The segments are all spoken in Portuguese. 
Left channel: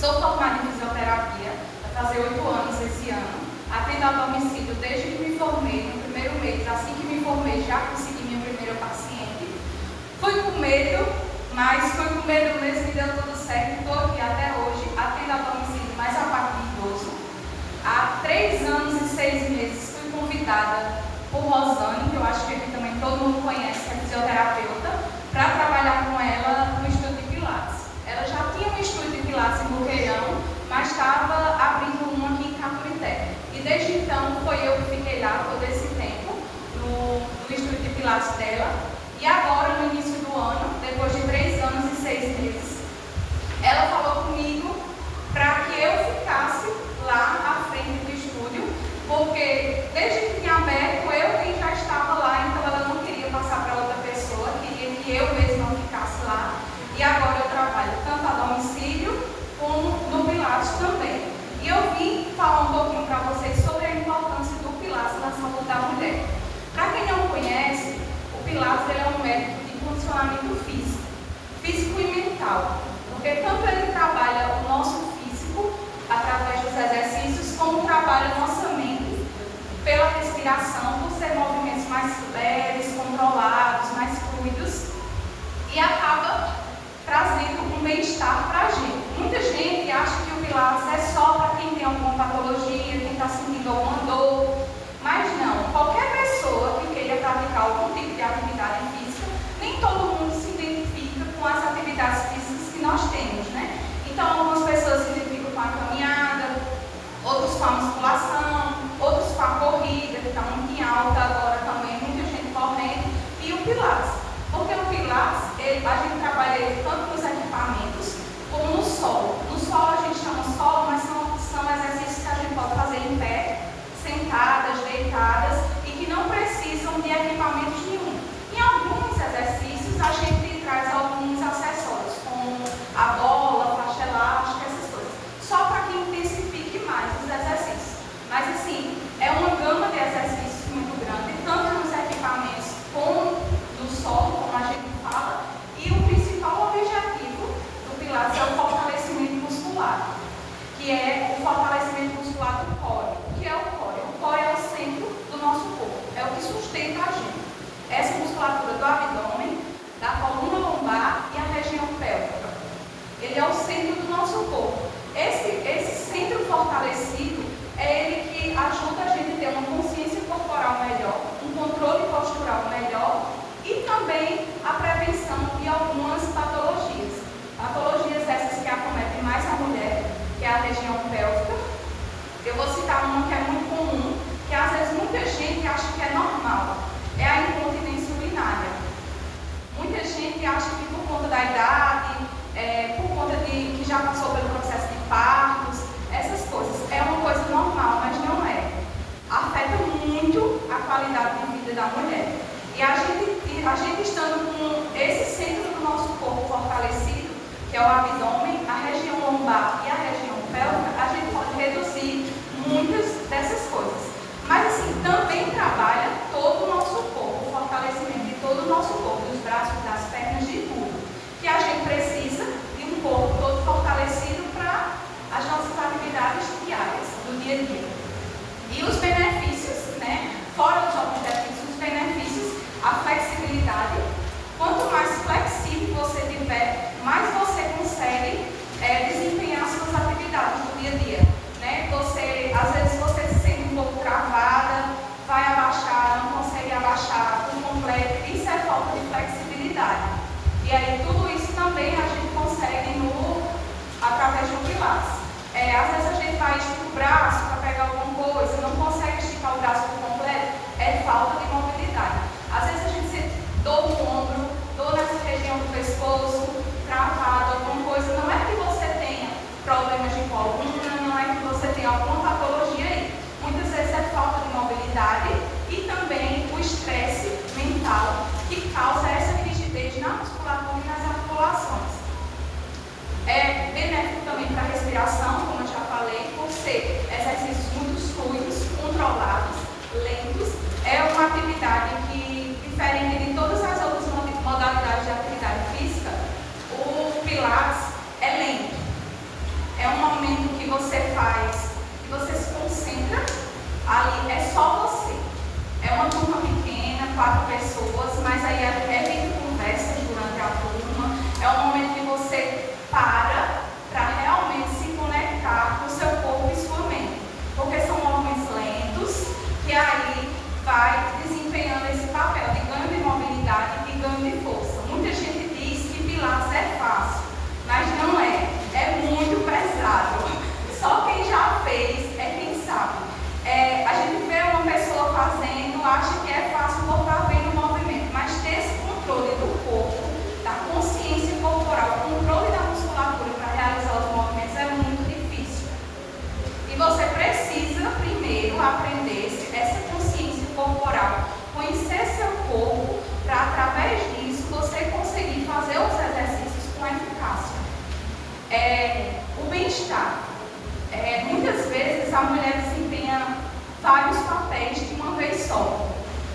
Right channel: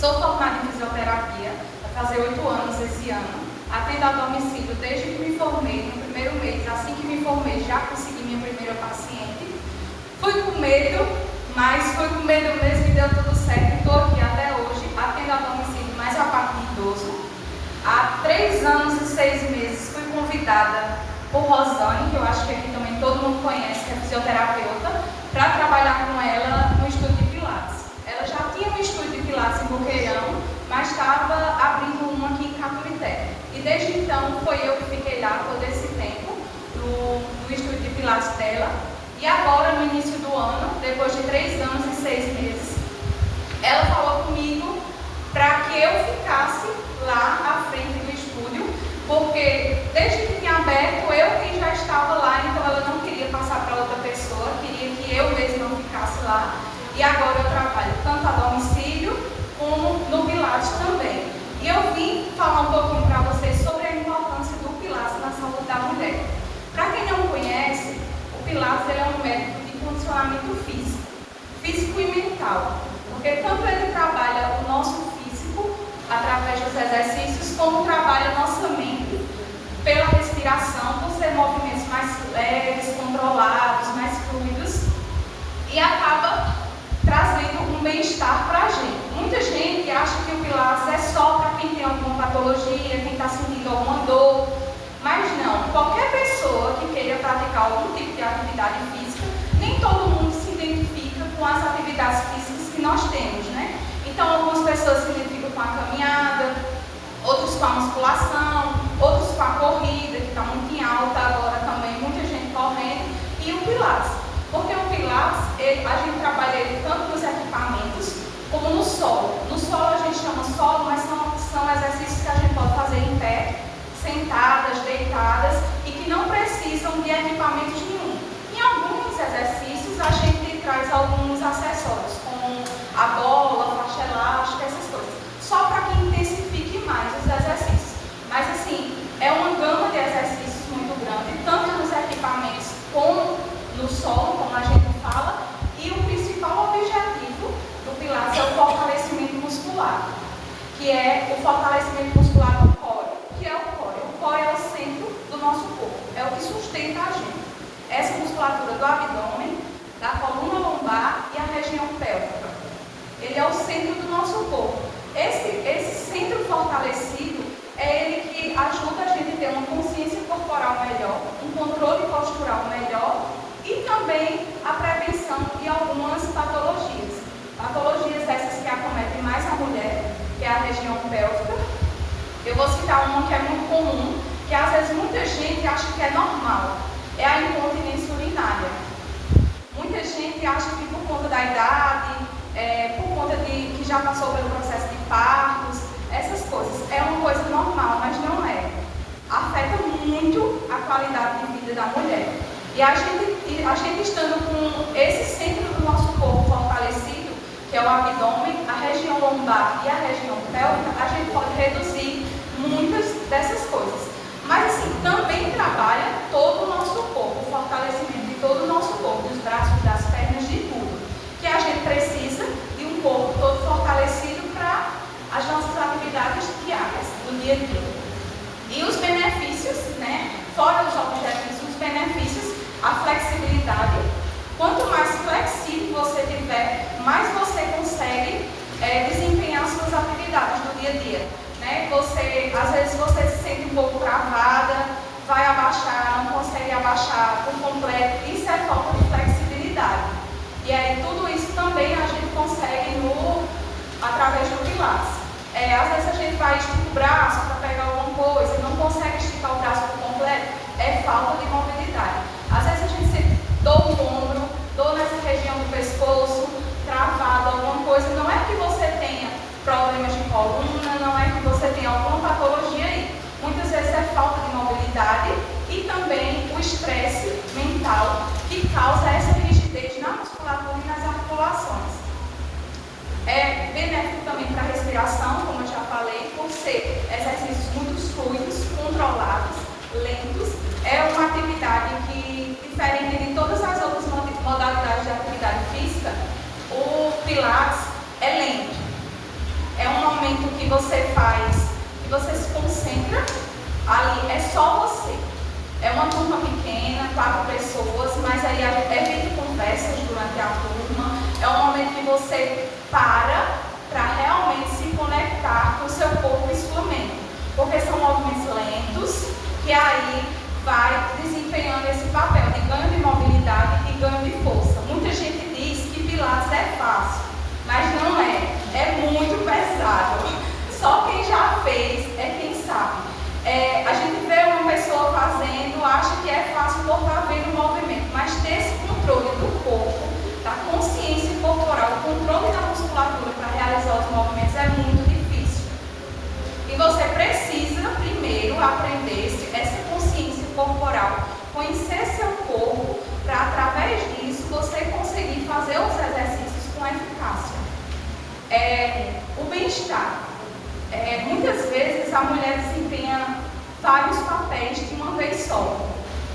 Sou formada em fisioterapia, vai fazer 8 anos esse ano. Atendo a domicílio desde que me formei, no primeiro mês. Assim que me formei, já consegui minha primeira paciente. Fui com medo, mas foi com medo mesmo e deu tudo certo. Estou aqui até hoje, atendo a domicílio, mais a parte de idoso. Há 3 anos e 6 meses fui convidada por Rosane, que eu acho que aqui também todo mundo conhece, que é fisioterapeuta, para trabalhar com ela no estúdio de Pilates. Ela já tinha um estúdio de Pilates em Boqueirão, mas estava abrindo um aqui em Caturité. E desde então foi eu que fiquei lá todo esse tempo, no estúdio de Pilates dela. E agora, no início do ano, depois de 3 anos e 6 meses, ela falou comigo para que eu ficasse lá à frente do estúdio, porque desde que tinha aberto, eu quem já estava lá, então ela não queria passar para outra pessoa, queria que eu mesma ficasse lá. E agora eu trabalho tanto a domicílio como no Pilates também. E eu vim falar um pouquinho para vocês sobre a importância do Pilates na saúde da mulher. Para quem não conhece, o Pilates é um método de condicionamento físico e mental. Porque tanto ele trabalha o nosso físico, através dos exercícios, como trabalha a nossa mente pela respiração, por ser movimentos mais leves, controlados, mais fluidos, e acaba trazendo um bem-estar para a gente. Muita gente acha que o Pilates é só para quem tem alguma patologia, quem está sentindo alguma dor, mas não. Qualquer pessoa que queira praticar algum tipo de atividade física, nem todo mundo se identifica com as atividades físicas que nós temos, né? Então, algumas pessoas se identificam com a caminhada, outros com a musculação, outros com a corrida, que está muito em alta agora também, muita gente correndo, e o Pilates. Porque o Pilates, a gente trabalha ele tanto nos equipamentos como no solo. No solo a gente chama solo, mas são exercícios que a gente pode fazer em pé, sentadas, deitadas, e que não precisam de equipamentos nenhum. Em alguns exercícios a gente traz alguns acessórios, como a bola, faixa elástica, essas coisas, só para que intensifique mais os exercícios. Mas assim, é uma gama de exercícios muito grande, tanto nos equipamentos como no solo, como a gente fala, e o principal objetivo do Pilates é o fortalecimento muscular, que é o fortalecimento muscular do core. O que é o core? O core é o centro do nosso corpo, é o que sustenta a gente. Essa musculatura do abdômen, da coluna lombar e a região pélvica. Ele é o centro do nosso corpo. Esse centro fortalecido é ele que ajuda a gente a ter uma consciência corporal melhor, um controle postural melhor e também a prevenção de algumas patologias. Patologias essas que acometem mais a mulher, que é a região pélvica. Eu vou citar uma que é muito comum, que às vezes muita gente acha que é normal, é a incontinência urinária. Muita gente acha que por conta da idade, por conta de que já passou pelo processo de partos, essas coisas, é uma coisa normal, mas não é. Afeta muito a qualidade de vida da mulher. E a gente estando com esse centro do nosso corpo fortalecido, que é o abdômen, a região lombar e a região pélvica, a gente pode reduzir muitas dessas coisas. Mas assim, também trabalha todo o nosso corpo, o fortalecimento de todo o nosso corpo, dos braços, das pernas, de tudo. Que a gente precisa de um corpo todo fortalecido para as nossas atividades diárias, do dia a dia. E os benefícios, né? Fora os objetivos, os benefícios, a flexibilidade. Quanto mais flexível você tiver, mais você consegue desempenhar suas atividades do dia a dia. Né? Às vezes você se sente um pouco travada, vai abaixar, não consegue abaixar por completo. Isso é falta de flexibilidade. E aí tudo isso também a gente consegue através do Pilates. Às vezes a gente vai esticar o braço para pegar alguma coisa, não consegue esticar o braço por completo, é falta de mobilidade. Às vezes a gente se dor no ombro, dor nessa região do pescoço, travado, alguma coisa. Não é que você tenha problemas de coluna, não é que você tenha alguma patologia aí. Muitas vezes é falta de mobilidade e também o estresse mental que causa essa rigidez na musculatura e nas articulações. É benéfico também para a respiração, como eu já falei, por ser exercícios muito fluidos, controlados, lentos. É uma atividade que, diferente de todas as outras modalidades de atividade física, o Pilates é lento. é um momento que você faz, que você se concentra ali, é só você. É uma turma pequena, 4 pessoas, mas aí é feito conversas durante a turma. É um momento que você para realmente se conectar com o seu corpo e sua mente. Porque são movimentos lentos que aí vai desempenhando esse papel de ganho de mobilidade e ganho de força. Muita gente diz que Pilates é fácil, mas não é. É muito pesado. Só quem já fez é quem sabe. A gente vê uma pessoa fazendo, acha que é fácil por estar vendo o movimento, mas ter esse controle do corpo, da consciência corporal, o controle da musculatura para realizar os movimentos é muito difícil. E você precisa primeiro aprender essa consciência corporal, conhecer seu corpo, para através disso você conseguir fazer os exercícios com eficácia. O bem-estar. Muitas vezes a mulher desempenha vários papéis de uma vez só.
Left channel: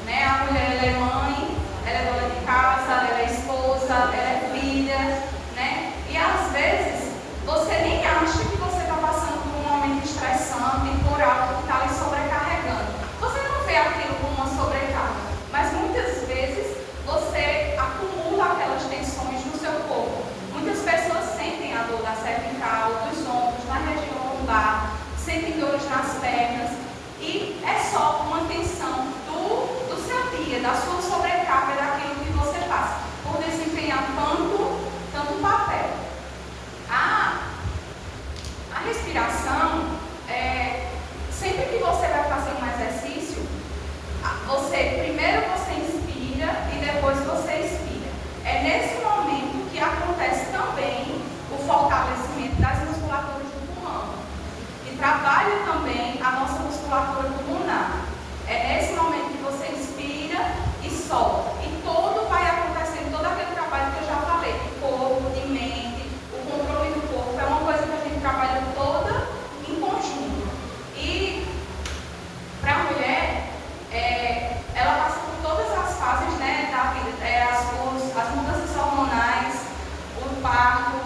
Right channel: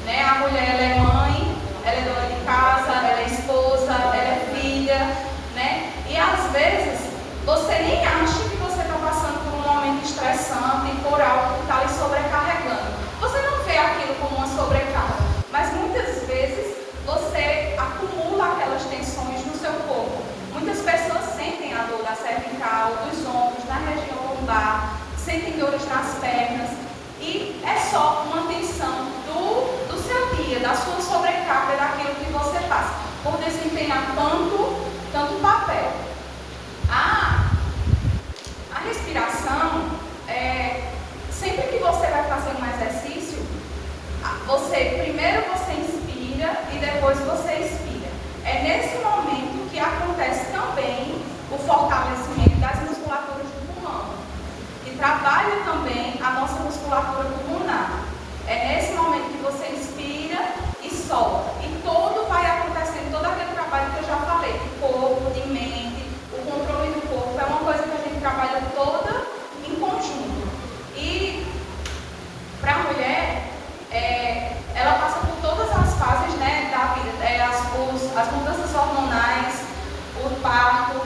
Né? A mulher ela é mãe, ela é dona de casa, ela é esposa, ela é filha. Né? E às vezes você nem acha que você está passando por um momento estressante, por algo que está lhe sobrecarregando. Você não vê aquilo como uma sobrecarga, mas muitas vezes você acumula aquelas tensões no seu corpo. Muitas pessoas sentem a dor da cervical, dos ombros, na região lombar, sentem dores nas pernas, e é só uma tensão do seu dia, da sua sobrecarga, daquilo que você faz, por desempenhar tanto papel. A respiração, sempre que você vai fazer um exercício, primeiro você inspira e depois você expira. É nesse momento que acontece também o fortalecimento das musculaturas do pulmão, que trabalha também a nossa musculatura pulmonar. É nesse momento que você inspira e solta. E todo vai acontecendo, todo aquele trabalho que eu já falei, de corpo, de mente, o controle do corpo, é uma coisa que a gente trabalha toda em conjunto. E para a mulher, ela passa por todas as fases, né, da vida, as mudanças hormonais, o parto,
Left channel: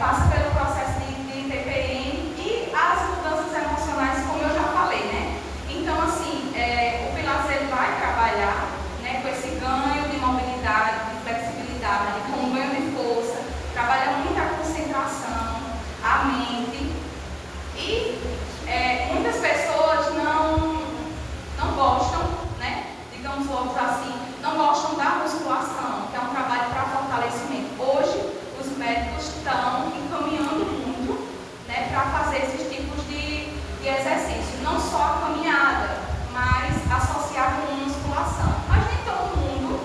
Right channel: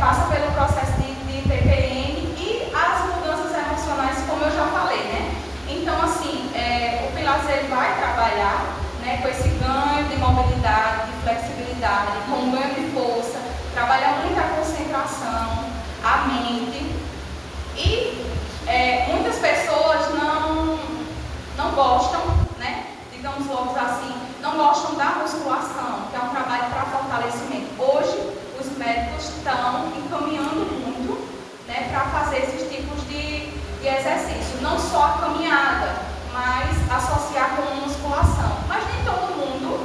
passa pelo processo de TPM e as mudanças emocionais, como eu já falei, né? Então, assim, o Pilates ele vai trabalhar, né, com esse ganho de mobilidade, de flexibilidade, com ganho de força, trabalha muito a concentração, a mente. E muitas pessoas não gostam, né, digamos logo assim, não gostam da musculação, que é um trabalho para fortalecimento. Hoje, os médicos estão encaminhando muito, né, para fazer esses tipos de exercício. Não só a caminhada, mas associar com musculação. Mas nem todo mundo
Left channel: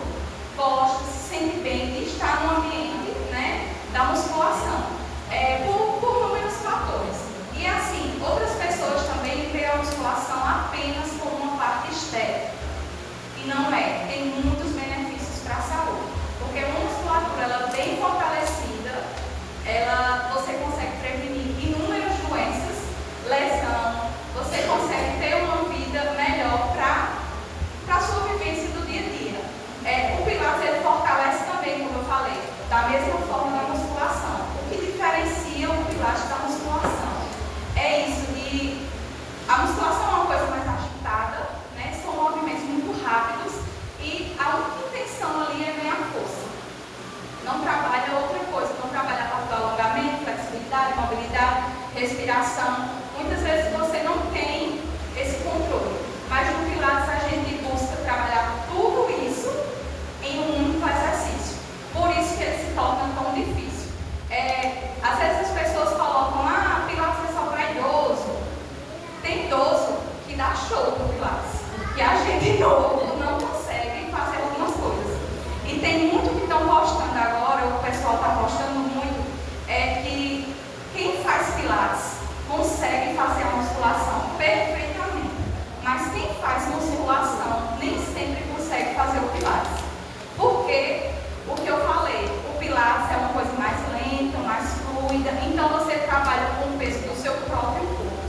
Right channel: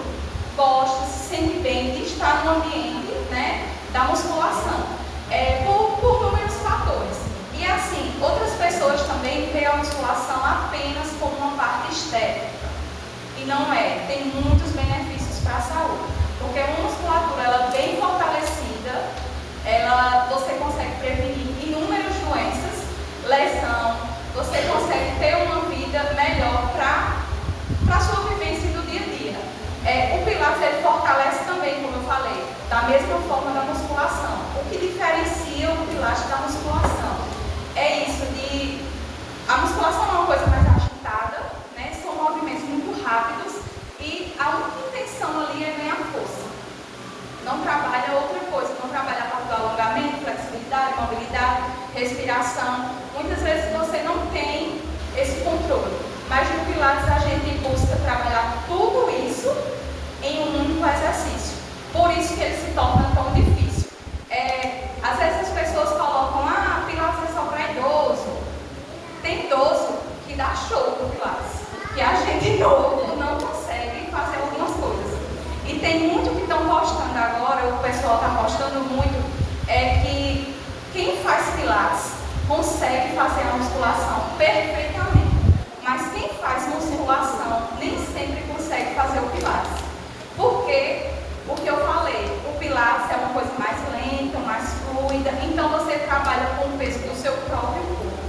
gosta, se sente bem de estar no ambiente, né, da musculação. Por inúmeros fatores. E assim, outras pessoas também veem a musculação apenas como uma parte estética. E não é. Tem muitos benefícios para a saúde. Porque uma musculatura ela bem fortalecida, você consegue prevenir inúmeras doenças, lesão, você consegue ter uma vida melhor para a sua vivência do dia a dia. O Pilates ele fortalece também, como eu falei, da mesma forma da musculação. O que diferencia o Pilates da musculação é isso de... A musculação é uma coisa mais agitada, né? São movimentos muito rápidos e a única intenção ali é ganhar força. Não trabalha outra coisa, não trabalha para alongamento, flexibilidade, mobilidade, respiração. Muitas vezes você não tem esse controle, mas no Pilates a gente busca trabalhar tudo isso em um único exercício. Por isso que ele se torna tão difícil. Às vezes as pessoas colocam, Pilates é só para idoso. Tem idoso que dá show no Pilates, que a gente novo não consegue fazer algumas coisas. E tem muito que estão postando agora, o pessoal está postando muito, que quem faz Pilates consegue fazer a musculação perfeitamente. Mas quem faz musculação nem sempre consegue fazer o Pilates. Porque, o que eu falei, o Pilates é uma coisa mais lenta, mais fluida, então você trabalha com o peso do seu próprio corpo.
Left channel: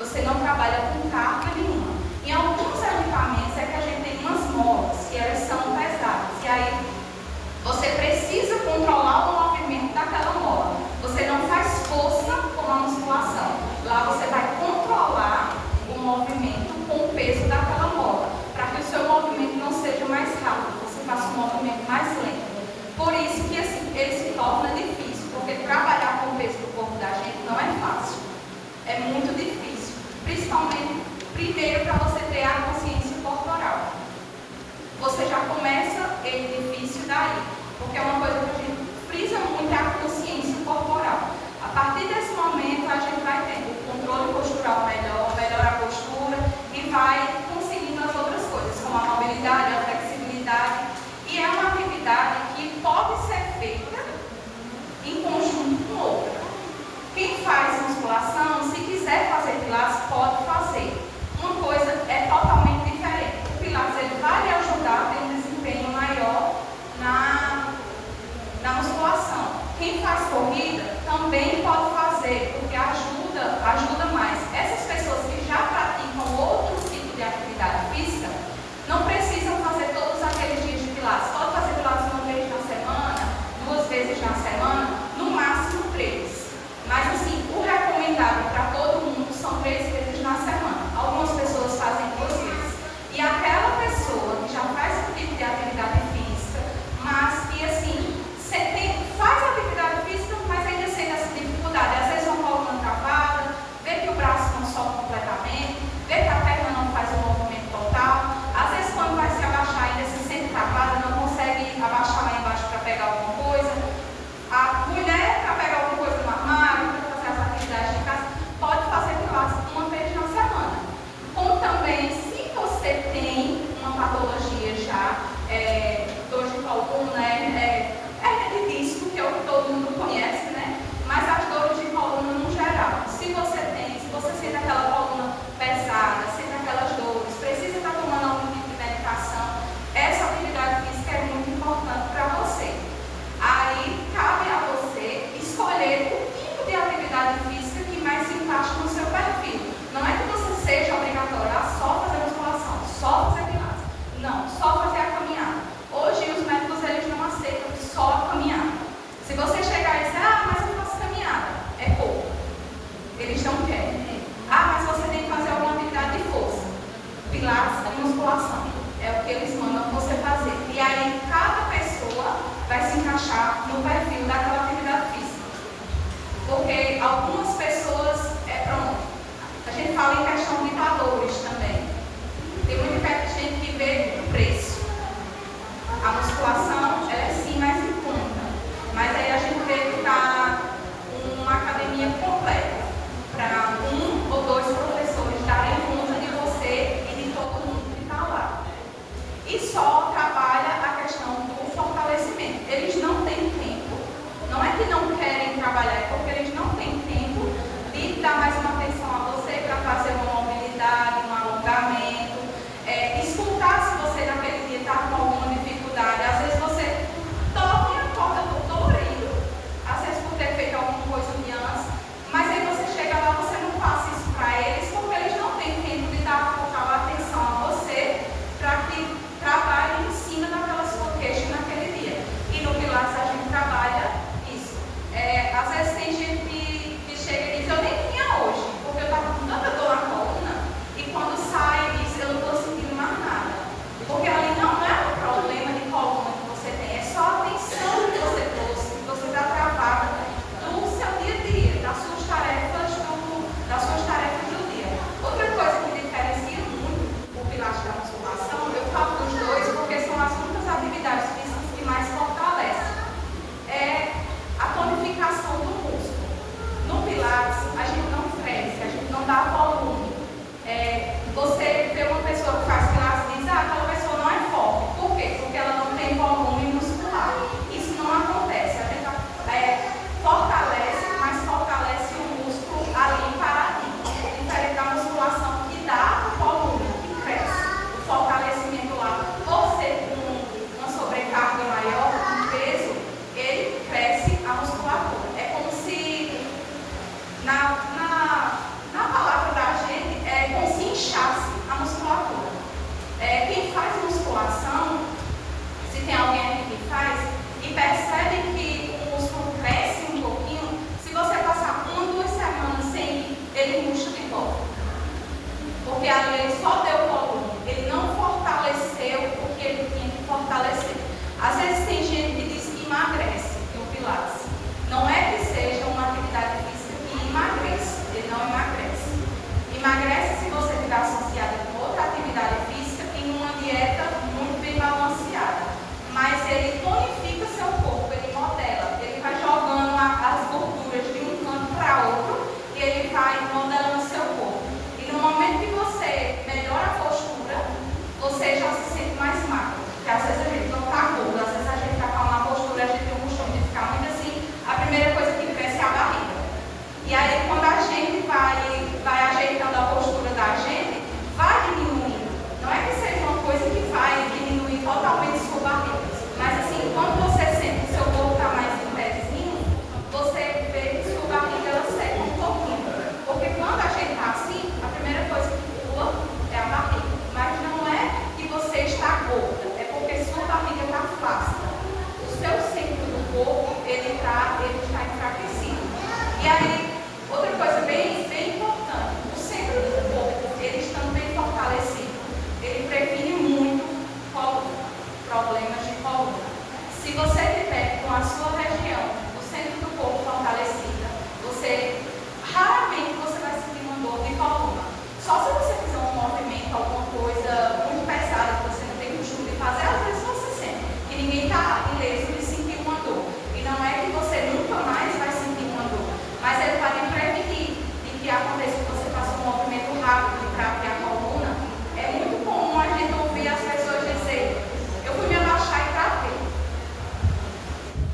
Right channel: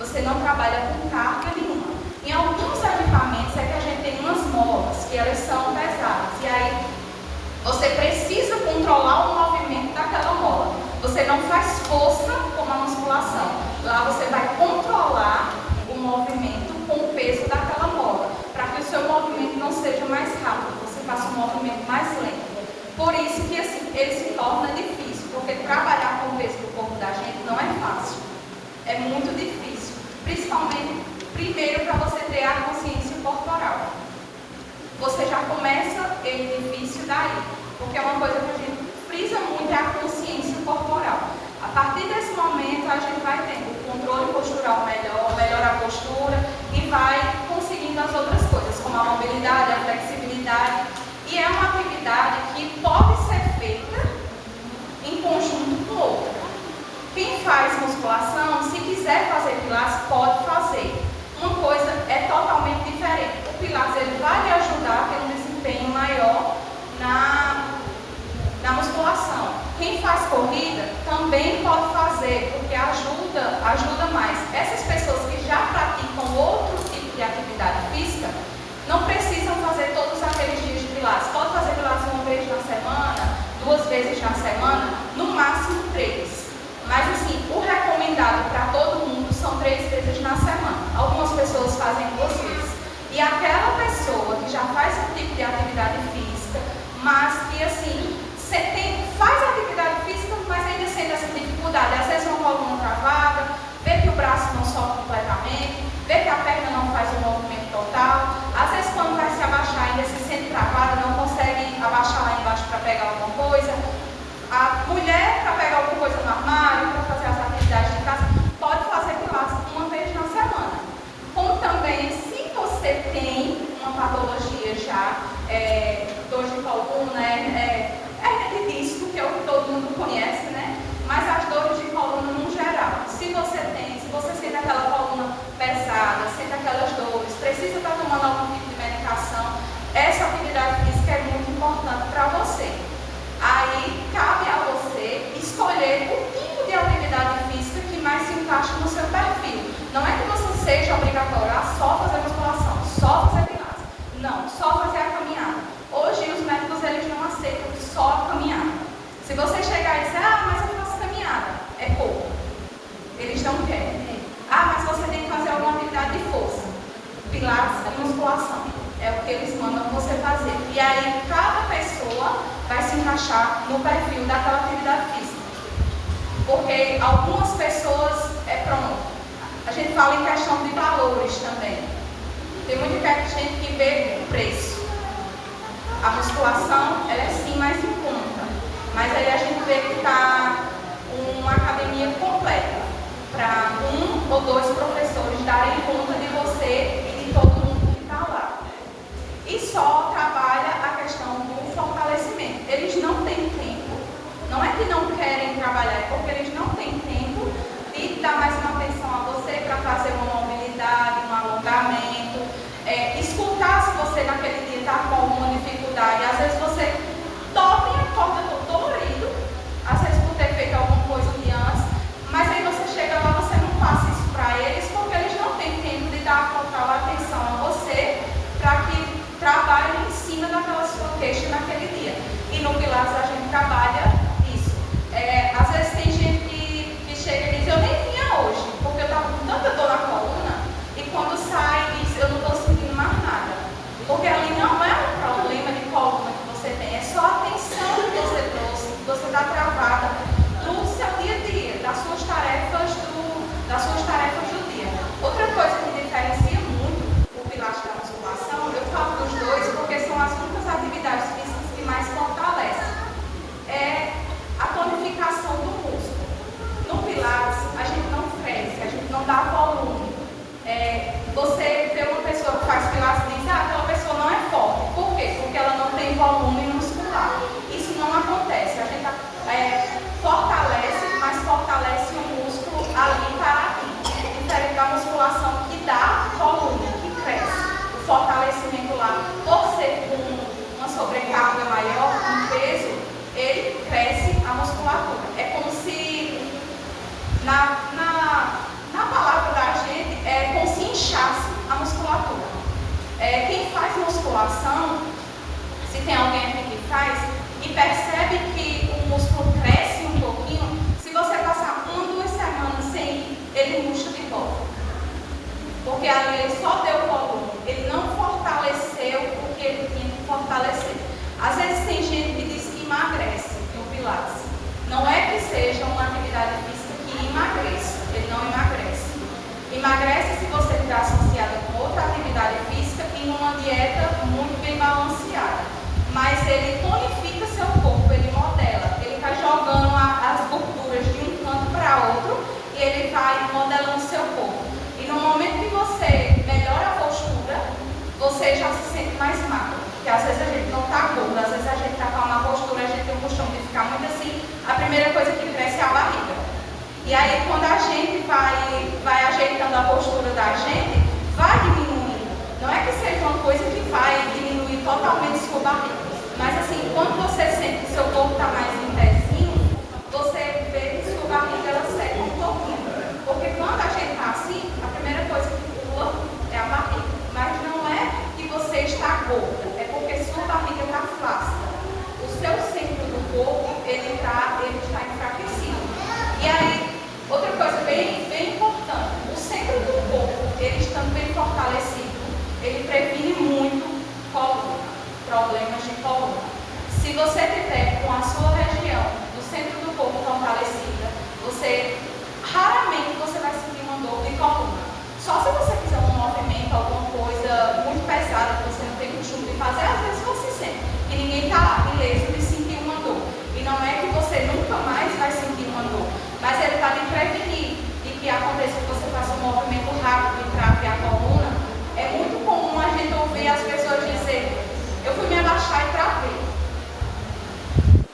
Você não trabalha com carga nenhuma. Em alguns equipamentos é que a gente tem umas molas, que elas são pesadas. E aí, você precisa controlar o movimento daquela mola. Você não faz força como a Primeiro, para você ter a consciência corporal. Você já começa ele difícil daí, porque é uma coisa que a gente frisa muito, é a consciência corporal. A partir desse momento, a gente vai tendo o controle postural melhor, melhora a postura e vai conseguindo as outras coisas, como a mobilidade, a flexibilidade. E é uma atividade que pode ser feita em conjunto com outra. Quem faz musculação, se quiser fazer pilates, pode fazer. Uma coisa é totalmente diferente. O pilates ele vai lhe ajudar a ter um desempenho maior na musculação. Quem faz corrida também pode fazer, porque ajuda mais. Essas pessoas que já praticam outro tipo de atividade física, não precisam fazer todos aqueles dias de pilates. Pode fazer pilates uma vez na semana, 2 vezes na semana, no máximo 3. Mas assim, o recomendado para todo mundo são 3 vezes na semana. Algumas pessoas fazem 2 vezes. E aquela pessoa que já faz esse tipo de atividade física, mas que assim, faz atividade física, mas ainda sente essa dificuldade. Às vezes uma coluna travada, vê que o braço não sobe completamente, vê que a perna não faz o movimento total. Às vezes quando vai se abaixar ainda se sente travada, não consegue abaixar lá embaixo para pegar alguma coisa. A mulher, para pegar alguma coisa no armário, para fazer as atividades de casa, pode fazer pilates uma vez na semana. Como também, se você tem uma patologia já, dor de coluna, hernia de disco, que é o que todo mundo conhece, né? Mas as dores de coluna no geral. Se você sente aquela coluna pesada, sente aquelas dores, precisa estar tomando algum tipo de medicação, essa atividade física é muito importante para você. Aí cabe a você escolher o tipo de atividade física que mais se encaixa no seu perfil. Não é que você seja obrigatório a só fazer musculação, só fazer pilates. Não, só fazer a caminhada. Hoje os médicos eles não aceitam só a caminhada. Se você chegar e dizer, mas eu faço caminhada, é pouco. Eles não querem. Mas você tem que fazer alguma atividade de força. Pilates e musculação. É o que eles mandam você fazer. E aí cada pessoa vai se encaixar no perfil daquela atividade física. Porque algumas pessoas, a gente fala em questão de valores também. Tem muita gente que vê o preço. A musculação, ela é sim mais em conta. Mas aí a gente vê que está uma academia completa para 1 ou 2 professores darem conta de você e de todo mundo que está lá. E só trabalha a questão do fortalecimento. Eles não têm tempo, não é que não querem trabalhar, é porque eles não têm tempo de dar mais uma atenção a você para fazer uma mobilidade, um alongamento, escutar se você naquele dia está com alguma dificuldade. Às vezes você toca e acorda todo dolorido, às vezes por ter feito alguma coisa de antes, mas aí você chega lá, você não passa isso para eles, porque eles não têm tempo de dar a total atenção a você para que trabalhe em cima daquela sua queixa naquele dia. E no Pilates a gente trabalha isso. Às vezes tem gente que chega e diz, eu nem tinha hoje, porque eu estava com tanta dor na coluna, e quando sai diz, eu não estou sentindo mais nada. Porque ali não é um problema de coluna que você tem, é só a tensão que você trouxe, que você está travada do seu dia a dia, das suas tarefas do dia. Outra coisa que diferencia muito o Pilates da musculação, eu falo dos dois porque são as únicas atividades físicas que mais fortalecem. É a tonificação do músculo. No Pilates, a gente não cresce, a gente não dá volume. Você vê uma pessoa que faz Pilates e diz, aquela pessoa não é forte. Por quê? Porque ela não tem volume muscular. Isso não acontece. A gente fortalece, mas fortalece o músculo ali para ali. Diferente da musculação que dá volume, que cresce. O fortalecimento lá, por ser com uma sobrecarga maior, um peso, ele cresce a musculatura. É como se, na palavra da gente, é como se inchasse a musculatura. Quem faz musculação, se tem alguém aqui que faz, e percebe que o músculo cresce um pouquinho, se você passar 1 ou 2 semanas sem, ele murcha de volta. Porque ali ele só deu volume, ele não fortaleceu o que ele tinha que fortalecer. Às vezes tem gente que diz que emagrece no Pilates. Não é que seja uma atividade física que emagrece, ele não emagrece. Emagrece se você tiver associado E aí, quando a gente vai ajeitando a postura da gente, vai diminuindo. Não é que seja uma coisa que vai diminuir totalmente sua barriga, mas assim, quando você sente que seu corpo está mais em pezinho, você vê que sua barriga ela seca um pouquinho. Porque quando a gente está assim, a primeira coisa que pula é a barriga. Mas não é que você está gorda, é porque sua barriga está flácida. O seu centro do corpo, ele está enfraquecido. E aí, outra coisa bem importante, o centro do corpo, ele estando bem fortalecido, ele previne muito coluna, problemas de coluna. Se você tiver com a sua região do centro do corpo fortalecida, raramente você vai sentir uma dor de coluna. Só se você fizer um movimento, alguma coisa muito pesada que você não tem costume de fazer, às vezes você sente que ninguém está ileso de sentir uma dor. E não é que você nunca mais vai sentir uma dor, mas ele vai lhe prevenir de que aconteça que você faça um movimento rápido e trave a coluna. É muito comum a gente ouvir as pessoas dizer: eu fui me abaixar e travei.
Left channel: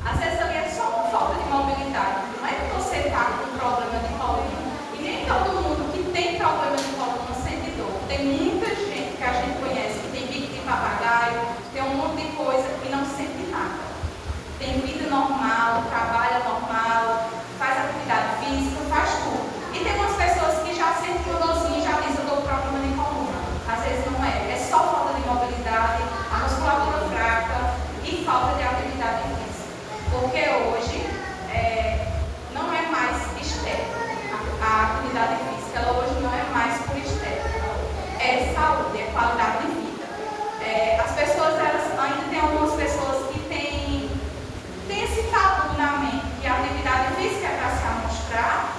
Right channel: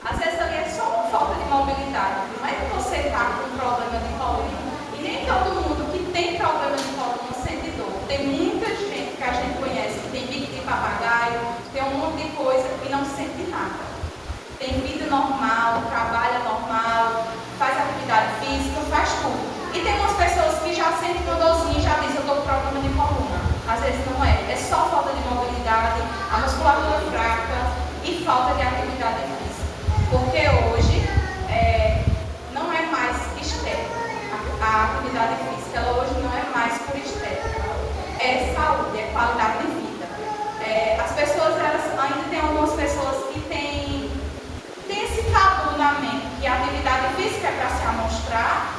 Às vezes ali é só uma falta de mobilidade. Não é que você está com um problema de coluna. E nem todo mundo que tem problema de coluna sente dor. Tem muita gente que a gente conhece que tem bico de papagaio, tem um monte de coisa que não sente nada. Tem vida normal, trabalha normal, faz atividade física, faz tudo. E tem umas pessoas que já sentem uma dorzinha e já dizem: eu estou com problema de coluna. Às vezes não é. É só falta de mobilidade, a musculatura fraca e falta de atividade física. Porque hoje não é mais estética. A atividade física ela hoje não é mais por estética. É saúde, é qualidade de vida. As pessoas, ainda tem algumas pessoas que têm esse tabu na mente, que a atividade física é para se amostrar,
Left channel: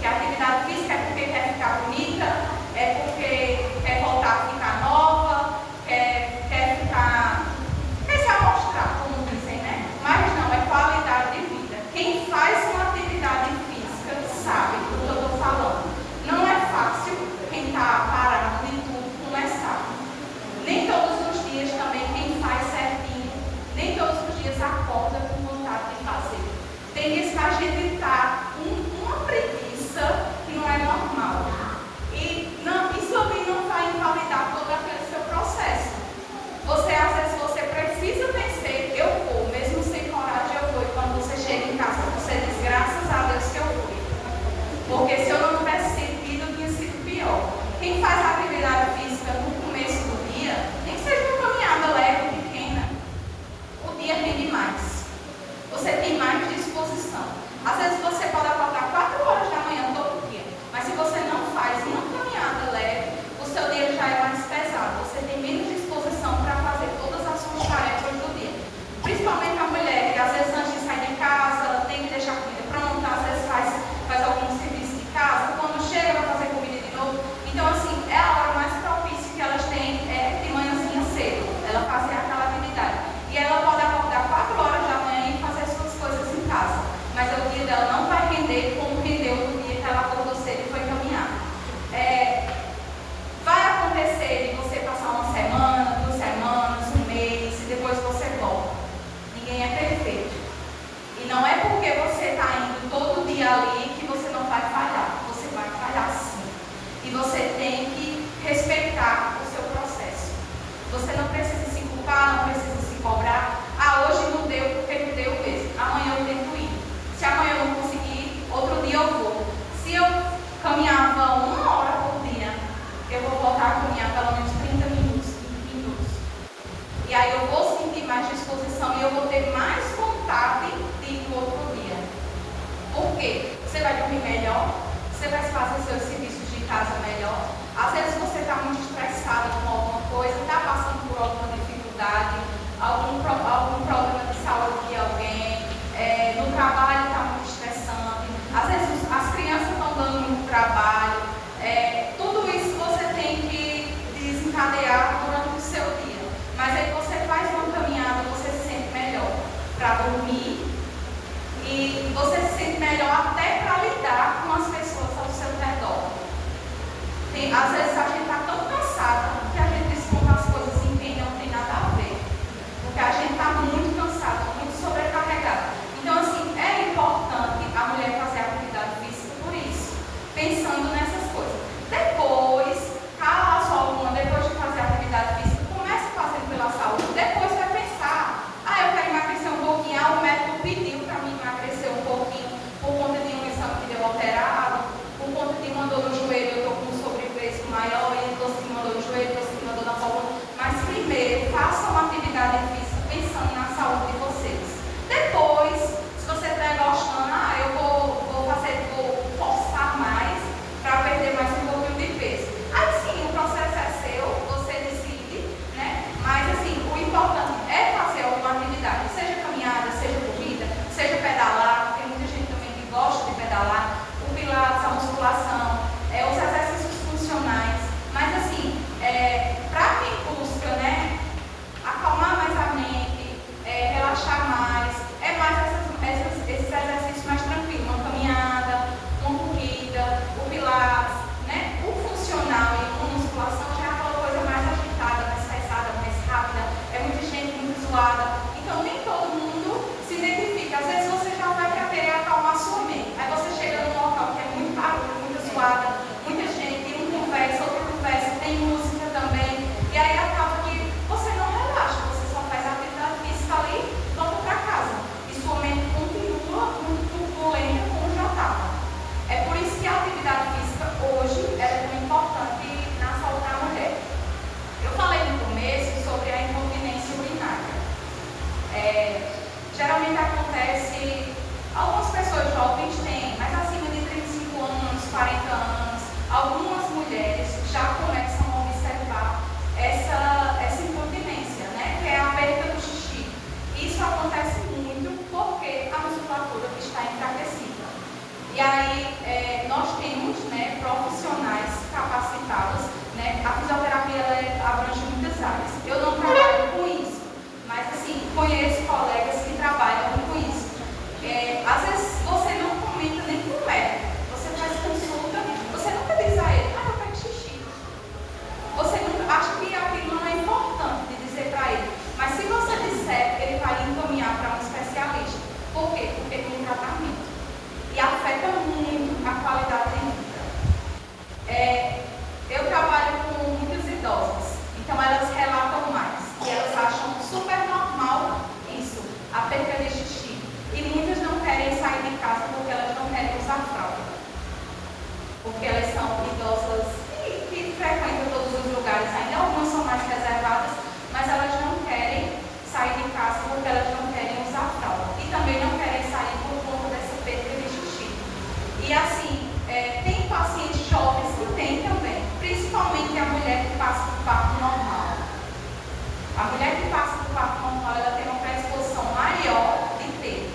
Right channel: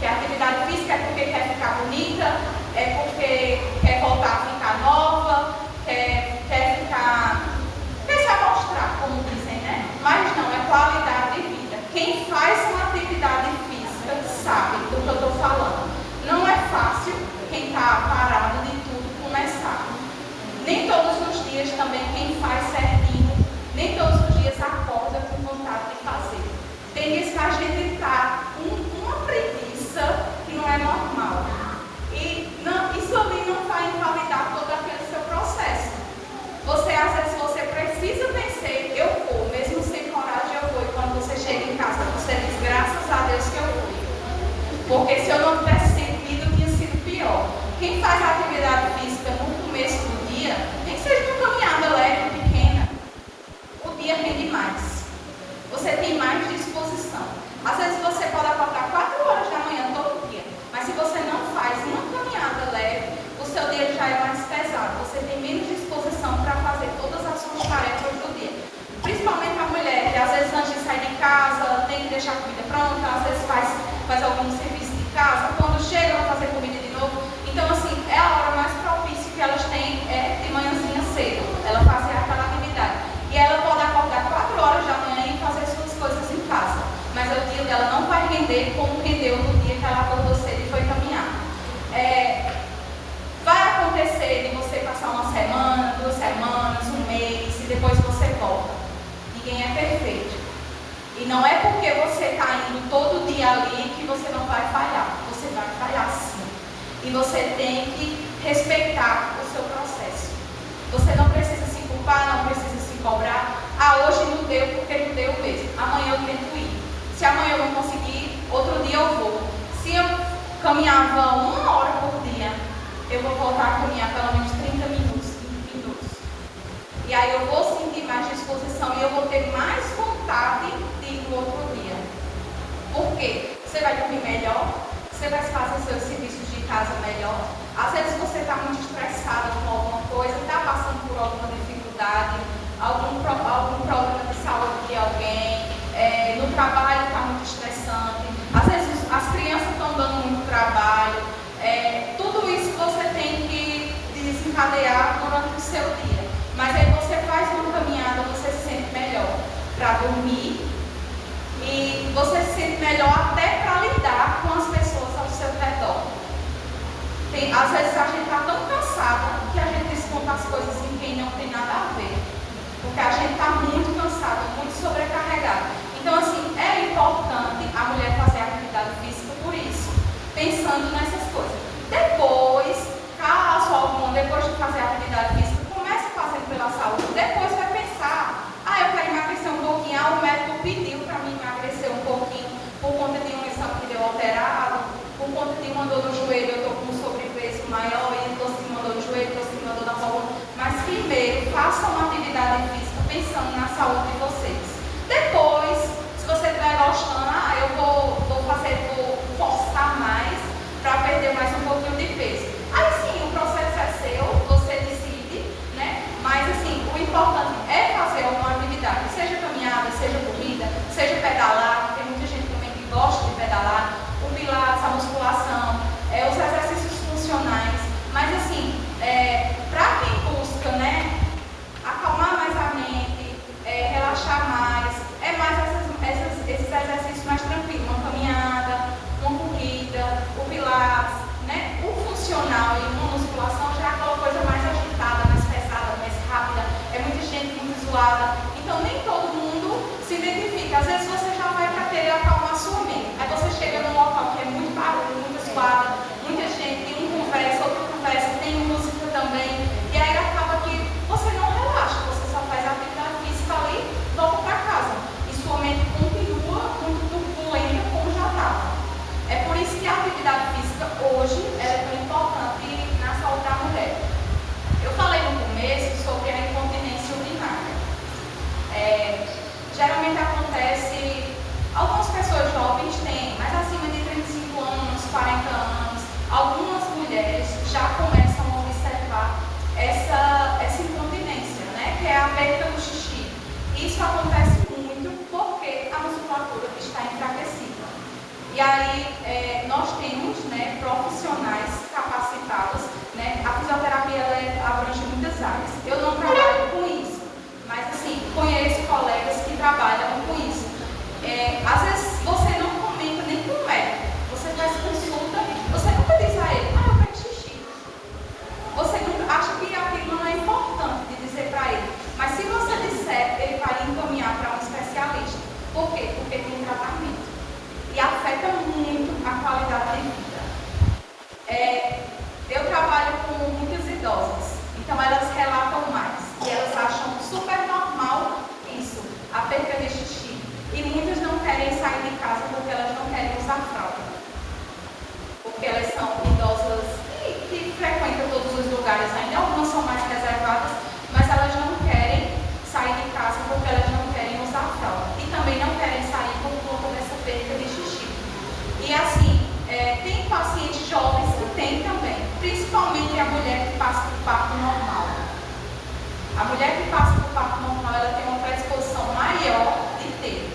que a atividade física é porque quer ficar bonita, é porque quer voltar a ficar nova, quer se amostrar, como dizem, né? Mas não, é qualidade de vida. Quem faz uma atividade física sabe do que eu estou falando. Não é fácil quem está parado de tudo começar. Nem todos os dias também quem faz certinho, nem todos os dias acorda com vontade de fazer. Tem dias que a gente está com uma preguiça que não é normal. E não, isso ali não vai invalidar todo aquele seu processo. Às vezes você precisa vencer, eu vou, mesmo sem coragem eu vou. E quando você chega em casa, você diz: graças a Deus que eu fui. Porque se eu não tivesse sentido, tinha sido pior. Quem faz atividade física no começo do dia, nem que seja uma caminhada leve, pequena, o dia rende mais. Você tem mais disposição. Às vezes você pode acordar 4 horas da manhã todo dia, mas se você não faz uma caminhada leve, o seu dia já é mais pesado. Você tem menos disposição para fazer todas as suas tarefas do dia. Principalmente a mulher, que às vezes antes de sair de casa, tem que deixar a comida pronta, às vezes faz algum serviço de casa, quando chega vai fazer comida de novo. Então assim, é a hora mais propícia que elas têm de manhãzinha cedo, ela fazer aquela atividade. E ela pode acordar 4 horas da manhã e fazer suas coisas em casa. Mas o dia dela não vai render como rendeu no dia que ela acordou cedo e foi caminhar. Vai acontecer de você passar uma semana, 2 semanas, um mês e depois você volta. Ninguém é perfeito. E não é porque você está indo todo dia ali que você não vai falhar. Você vai falhar sim. E você tem que respeitar o seu processo. Você não precisa se culpar, não precisa se cobrar. Hoje não deu porque não deu mesmo. Amanhã eu tento ir. Se amanhã eu não conseguir, outro dia eu vou. Se eu caminhava 1 hora por dia, eu vou voltar a caminhar pelo menos 30 minutos, 20 minutos. E aí eu vou sentir mais disposição e eu vou ter mais vontade de ir no outro dia. Por quê? Você vai dormir melhor, você vai fazer seus serviços de casa melhor. Às vezes você está muito estressada com alguma coisa, está passando por alguma dificuldade, algum problema de saúde de alguém, no trabalho está muito estressante. Às vezes as crianças estão dando muito trabalho. Tudo isso você tem que você que mandou de joelho, você que mandou da forma, mas primeiro façam uma atividade física pensando na saúde de vocês. Depois, se você estiver gostando, eu vou forçar mais para perder mais um pouquinho de peso. Aí sim, o processo é seu, você decide, né? Mas assim, o importante é fazer alguma atividade, seja caminhada, seja corrida, seja pedalar, tem muita gente também que gosta de pedalar, o pilates, a musculação, os exercícios funcionais, mas assim, para quem busca, né, acalmar mais a mente, relaxar mais, esses exercícios mais tranquilos, uma caminhada, uma corrida, o pilates, né, o funcional e uma musculação já é aquela coisa mais agitada, mais pesada, mais rápida, é muita gente muito zoada, então nem todo mundo se identifica, às vezes você já vai para querer acalmar a sua mente, aí você chega num local que é muito barulho, muito zoada, muita gente, um conversa, outro conversa, tem música também, e aí acaba que você não relaxa, você só faz a atividade física ali, volta para casa, e sua mente continua muito turbulenta como já estava. É por isso que a atividade física hoje é tão importante na saúde da mulher. Eu falei no começo sobre a incontinência urinária. Geralmente acontece, algumas pessoas jovens têm, mas acima de 35 anos, 40 anos, algumas mulheres já começam a observar essa incontinência, né? Que é a perda do xixi. Isso acontece muito porque a musculatura está enfraquecida. E aí, nós temos, né, profissionais capacitados, né? A fisioterapia ela abrange muitas áreas. Eu não trabalho com isso, mas assim, conheço colegas que trabalham com isso. Às vezes você não comenta nem com o médico, você faz consulta, você nunca diz a ele, eu quero xixi. Você nunca acha que aquilo não é importante de dizer para ele, mas se você disser, ele vai encaminhar para um especialista. Por quê? Porque tem tratamento. E afeta muito a qualidade de vida. Eu trabalho com muitas idosas, então elas relatam mais. E elas acham super normal isso, a perda de xixi. E muitas não querem sair de casa porque elas não querem usar fralda. Porque elas são idosas que frequentam todos os lugares ainda. Algumas são mais reservadas, mas elas não querem sair de casa porque elas não querem usar fralda. E também não querem sair por conta dessa perda de xixi. E assim, tem pacientes jovens que tem também, principalmente a mulher que passa por parto normal. A mulher que passa por parto normal, ela tem uma predisposição maior de ter.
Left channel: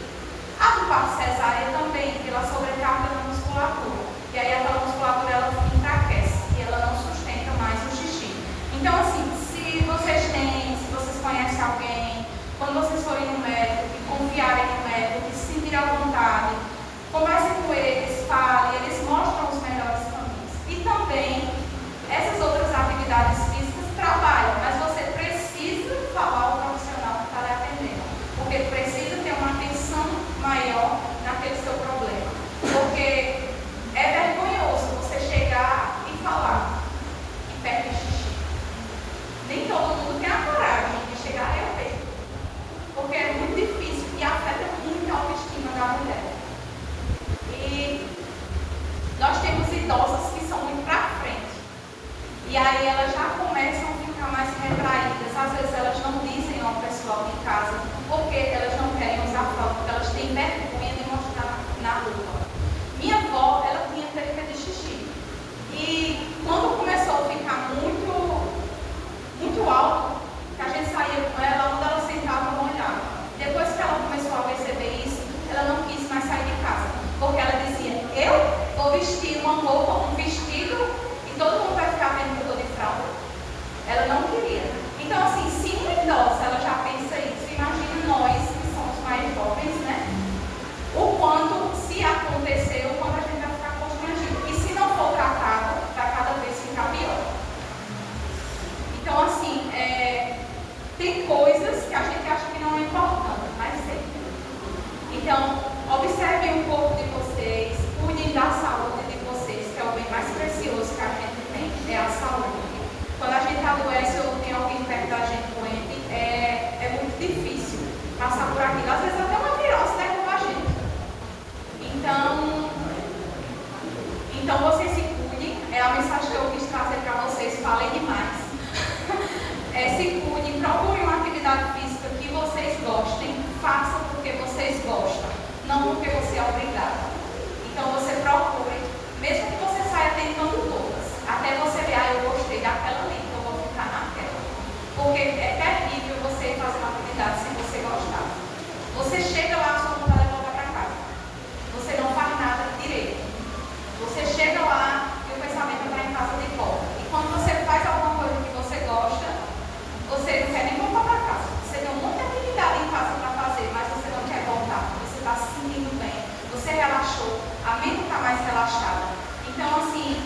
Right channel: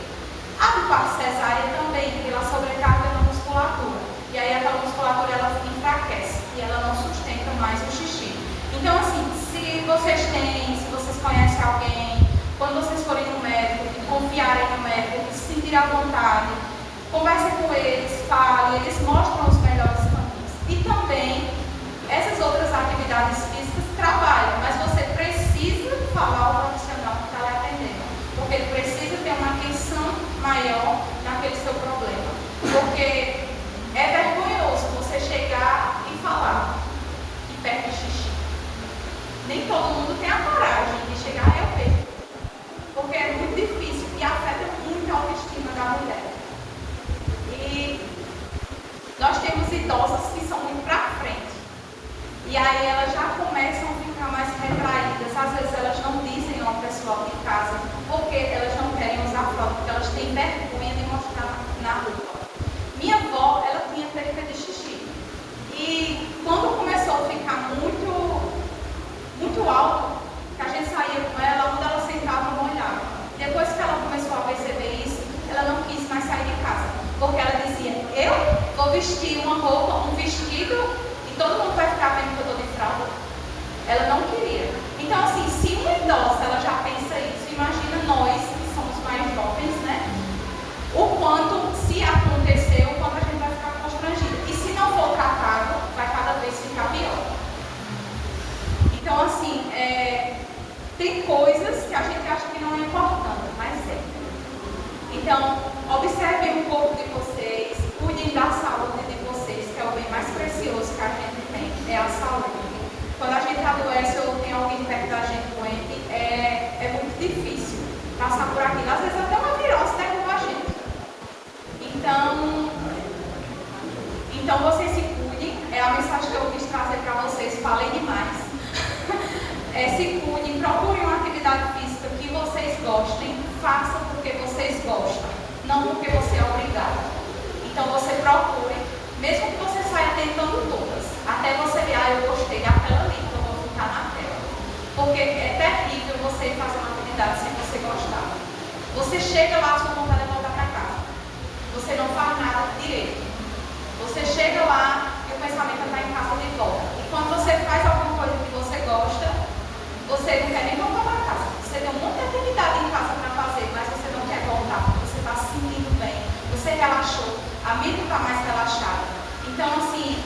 A do parto cesárea também, pela sobrecarga da musculatura. E aí aquela musculatura ela enfraquece e ela não sustenta mais o xixi. Então assim, se vocês conhecem alguém, quando vocês forem no médico, que confiarem no médico, que se sentirem à vontade, conversem com eles, falem, eles mostram os melhores caminhos. E também, essas outras atividades físicas trabalham, mas você precisa falar ao profissional que está lhe atendendo, porque ele precisa ter uma atenção maior naquele seu problema. Porque é vergonhoso você chegar e falar que perde xixi. Nem todo mundo tem a coragem de chegar e eu perco, porque é muito difícil e afeta muito a autoestima da mulher. E nós temos idosas que são muito para frente. E aí elas já começam a ficar mais retraídas. Às vezes elas não dizem ao pessoal de casa porque elas não querem usar fralda, porque elas têm vergonha de mostrar na roupa. Minha avó, ela tinha perda de xixi. E quando começou a ficar muito alto, que a gente saía com ela, quando ela sentava, molhava. Depois que ela começou a perceber isso, ela não quis mais sair de casa. Porque ela dizia, eu vou vestir uma roupa, um vestido, e todo mundo vai ficar vendo que eu estou de fralda. Ela não queria. Então, assim, se uma idosa ela já pensa isso, imagina nós que somos mais jovens, né? O quanto, se acontecer, o quanto a gente vai ficar constrangido. E se não for tratado, vai cada vez ficar pior. Então, assim, tem coisas que a gente acha que não é importante, mas é. Então, observem o corpo de vocês, cuidem da saúde de vocês, que é o bem mais precioso que a gente tem, é a saúde. Quando a gente adoece ou tem alguém perto da gente doente, é muito difícil passar por aquilo. Às vezes até uma virose derruba a gente. Então vocês se cuidem, é a mensagem que eu quis trazer para vocês. Falei ir fazer uma atividade sem você gostar. Você chega lá, sua vontade é voltar para casa. Você não faz nada direito. Você chega lá e o pensamento está em casa de volta. E quando você faz alguma coisa que você gosta, você não quer nem voltar para casa. Você tem um monte de atividade em casa para fazer, mas você não quer voltar, porque você está se sentindo bem. Você relaxou, a mente está mais relaxada. Então, assim,